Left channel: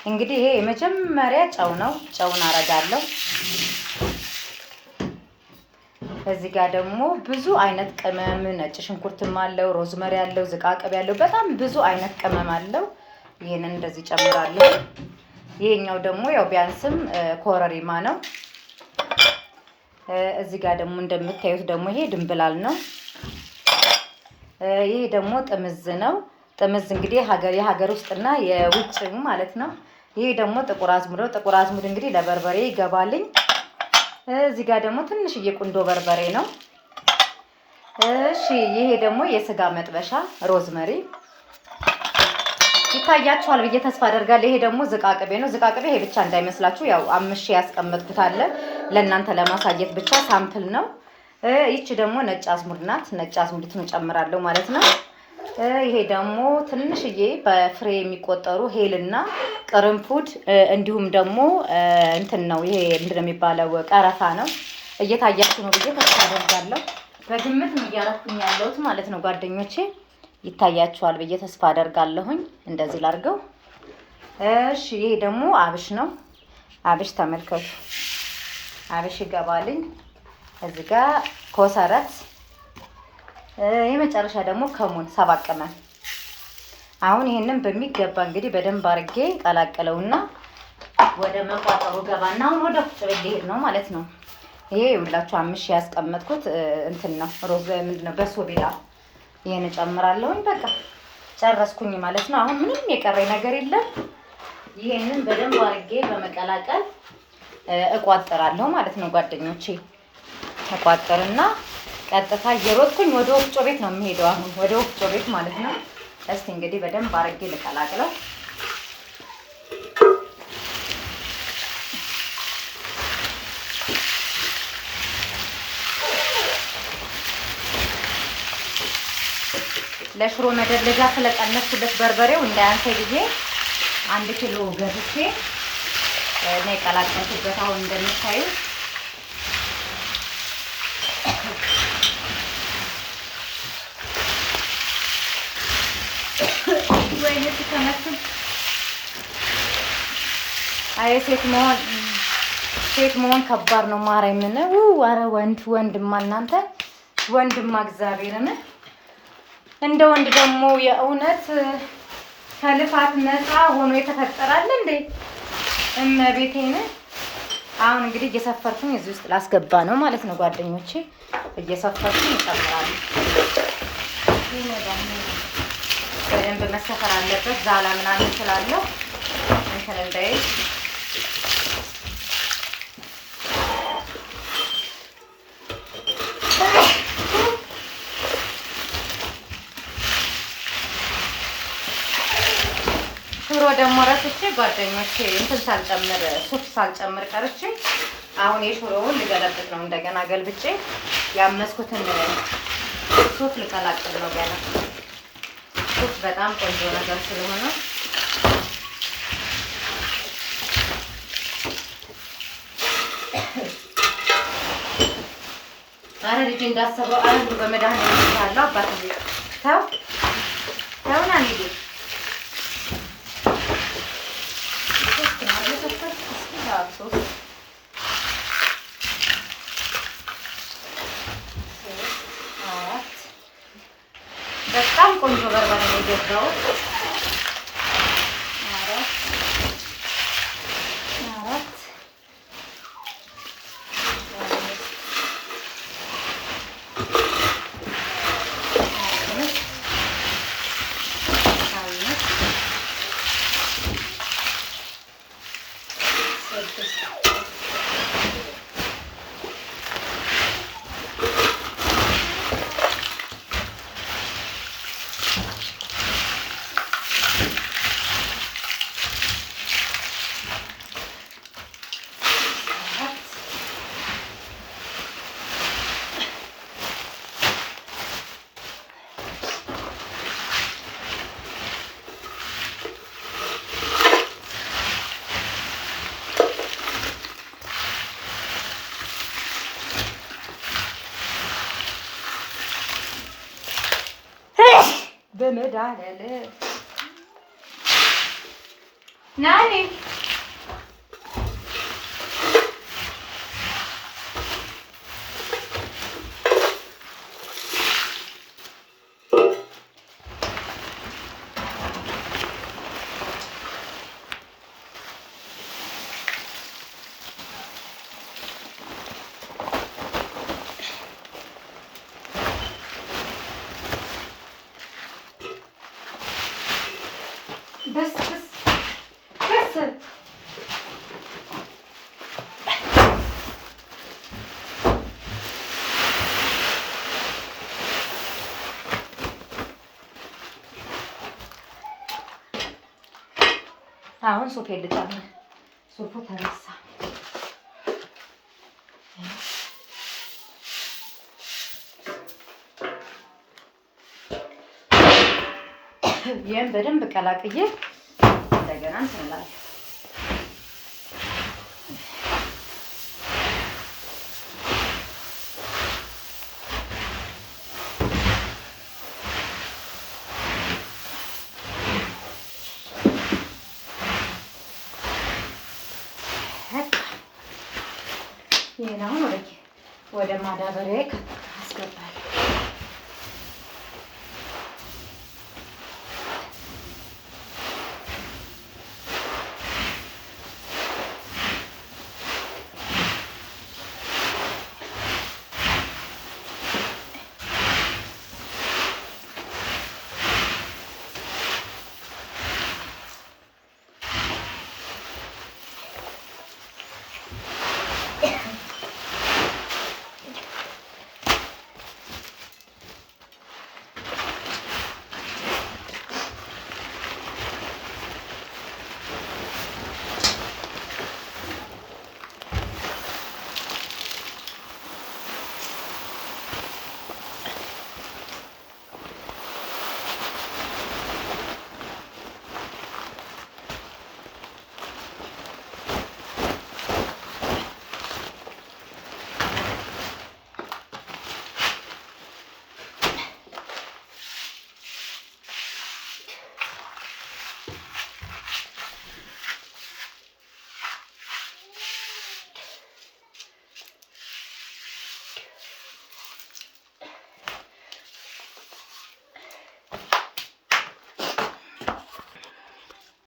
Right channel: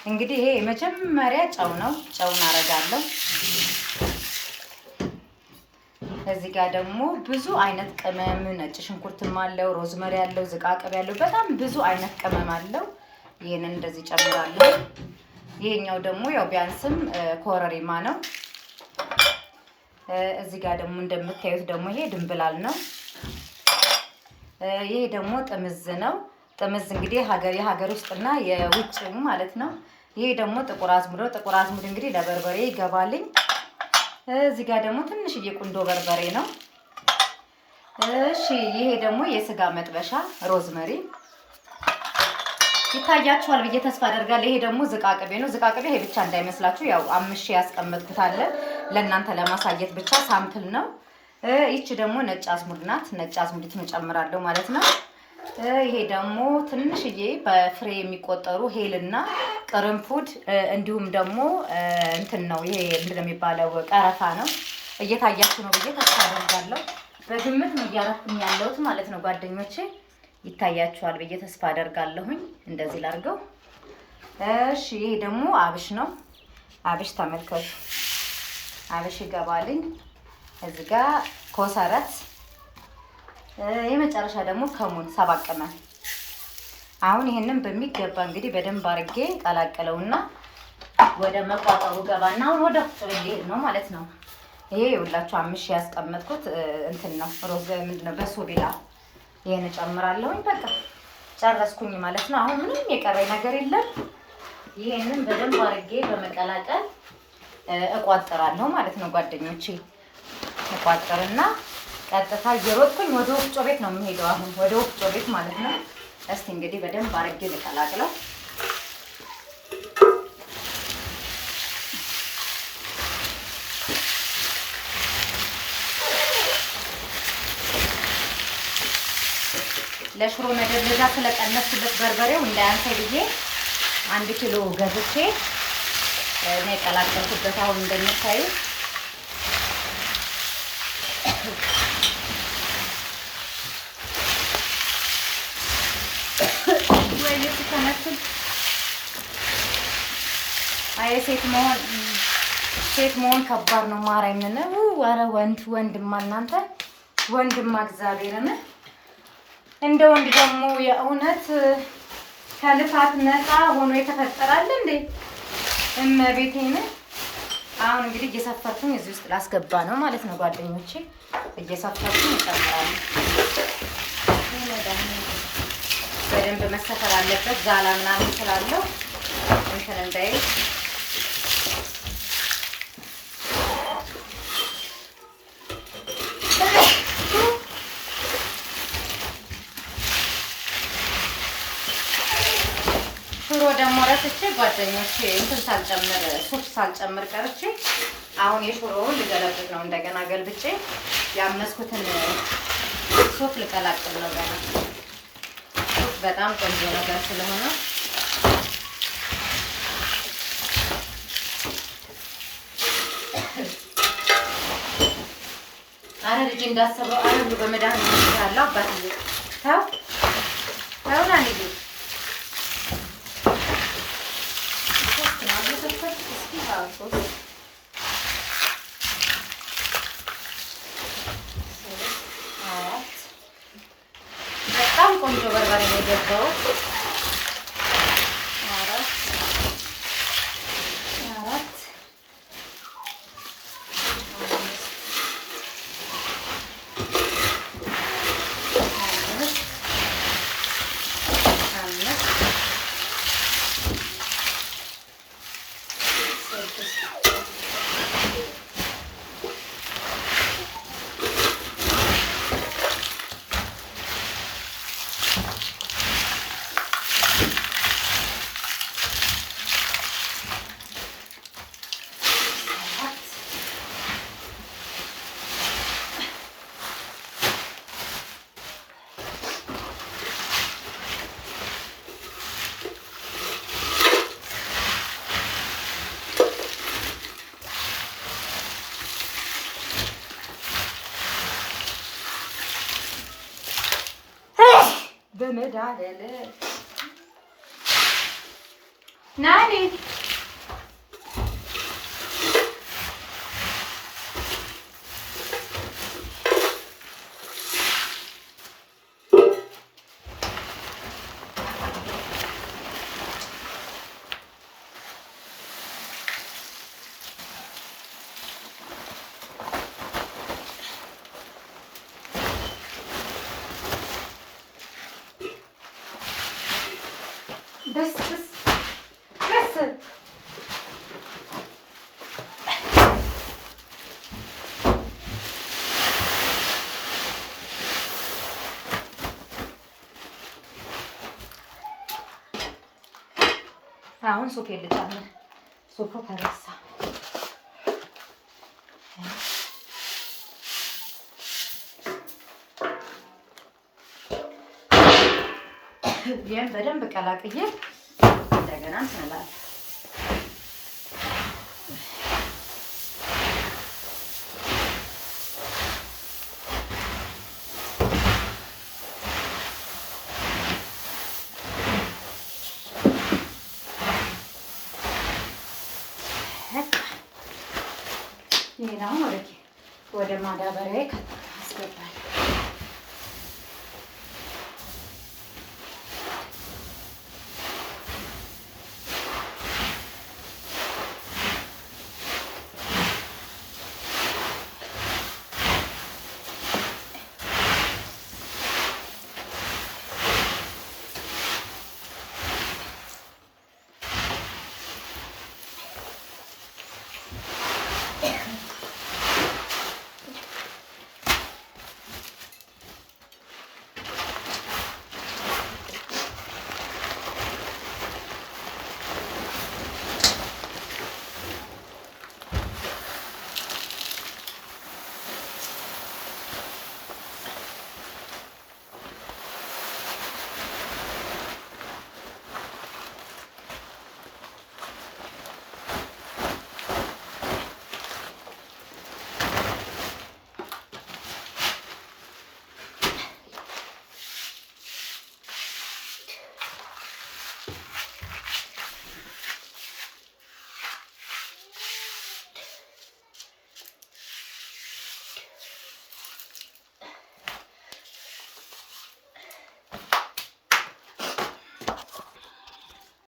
እንግዲህ ይሄ የመጀመሪያ ጨው ነው። ጨውን አረጋለሁ። እዚህ ጋር ደግሞ ብዙ አይነት ቅመም ነጭ ሽንኩርትም አለው፣ ሮዝመሪ አለው፣ ዝቃቅቤ ያለው በጣም ብዙ አይነት ቅመም አለው። ይሄንን እንደዚህ ጨምራለሁ። ይሄኛው ደግሞ ያው ቢያንስም ኮረሪማ ነው። እዚህ ጋር ደግሞ እንደምታዩት ደግሞ ይሄ ድንብላል ነው። ይሄ ደግሞ ጥምዝ ነው። ጥምዝ እንግዲህ የሀገር ውስጥና የውጭ ማለት ነው። ይሄ ደግሞ ጥቁር አዝሙድ ነው። ጥቁር አዝሙድ እንግዲህ ለበርበሬ ይገባልኝ። እዚህ ጋር ደግሞ ትንሽዬ ቁንዶ በርበሬ ነው። እሺ ይሄ ደግሞ የስጋ መጥበሻ ሮዝመሪ ይታያችኋል ብዬ ተስፋ አደርጋለሁ። ይሄ ደግሞ ዝቃቅቤ ነው። ዝቃቅቤ ይሄ ብቻ እንዳይመስላችሁ ያው አምሼ ያስቀመጥኩት አለ ለእናንተ ለማሳየት ብቻ ሳምፕል ነው። ይቺ ደግሞ ነጭ አዝሙድ ናት። ነጭ አዝሙድን እጨምራለሁ ማለት ነው። ይሄ ደግሞ ትንሽዬ በፍሬ የሚቆጠሩ ሄልና ቅርንፉድ እንዲሁም ደግሞ እንትን ነው። ይሄ ምንድን ነው የሚባለው? ቀረፋ ነው። እየታያችሁ ነው ብዬ ተስፋ አደርጋለሁ። በግምት ነው እያረኩኝ ያለሁት ማለት ነው ጓደኞቼ። ይታያችኋል ብዬ ተስፋ አደርጋለሁኝ። እንደዚህ ላድርገው። እሺ ይሄ ደግሞ አብሽ ነው። አብሽ ተመልከቱ። አብሽ ይገባልኝ። እዚህ ጋር ኮሰረት፣ የመጨረሻ ደግሞ ከሙን 7 ቅመም። አሁን ይሄንን በሚገባ እንግዲህ በደንብ አድርጌ ቀላቀለውና ወደ መቋጠሩ ገባና አሁን ወደ ፍጥር ሊሄድ ነው ማለት ነው። ይሄ የምላችሁ አምሽ ያስቀመጥኩት እንትን ነው ሮዝ ምንድነው በሶቢላ ይሄን እጨምራለሁኝ። በቃ ጨረስኩኝ ማለት ነው። አሁን ምንም የቀረኝ ነገር የለም። ይሄንን በደንብ አድርጌ በመቀላቀል እቋጥራለሁ ማለት ነው ጓደኞቼ። ተቋጥርና ቀጥታ እየሮጥኩኝ ወደ ወፍጮ ቤት ነው የምሄደው። አሁን ወደ ወፍጮ ቤት ማለት ነው። እስቲ እንግዲህ በደንብ አድርጌ ልቀላቅለው። ለሽሮ መደለጃ ስለቀነስኩለት በርበሬው እንዳያንሰው ብዬ 1 ኪሎ ገዝቼ ነው የቀላቀልኩበት። አሁን እንደምታዩ ወይኔ ተመስል አይ ሴት መሆን ከባድ ነው። ማርያምን ኧረ ወንድማ እናንተ ወንድማ እግዚአብሔርን እንደ ወንድ ደግሞ የእውነት ከልፋት ነፃ ሆኖ የተፈጠራል እንዴ? እመቤቴን። አሁን እንግዲህ እየሰፈርኩኝ እዚህ ውስጥ ላስገባ ነው ማለት ነው ጓደኞቼ። እየሰፈርኩኝ እጨምራለሁ። በደንብ መሰፈር አለበት። ዛላ ምናምን ስላለው እንትን እንዳይል ሽሮ ደግሞ ረስቼ ጓደኞቼ እንትን ሳልጨምር ሱፕ ሳልጨምር ቀርቼ አሁን የሽሮውን ልገለብጥ ነው። እንደገና ገልብጬ ያመስኩትን ሱፕ ልቀላቅል ነው ገና። ሱፕ በጣም ቆንጆ ነገር ስለሆነ አረ ልጅ እንዳሰበው አረ በመድኃኒት ያለው አባት ተው ተውና ልጅ በጣም ቆንጆ በርበሬ ነው የገባሁት። በመዳለለ ናኒ بس አሁን ሱፌ ልጨምር። ሱፉ ተረሳ። ይሄን በደንብ ቀላቅዬ እንደገና እንትን እላለሁ። ይሄን አሁን ወደ ማዳበሪያ አስገባለሁ።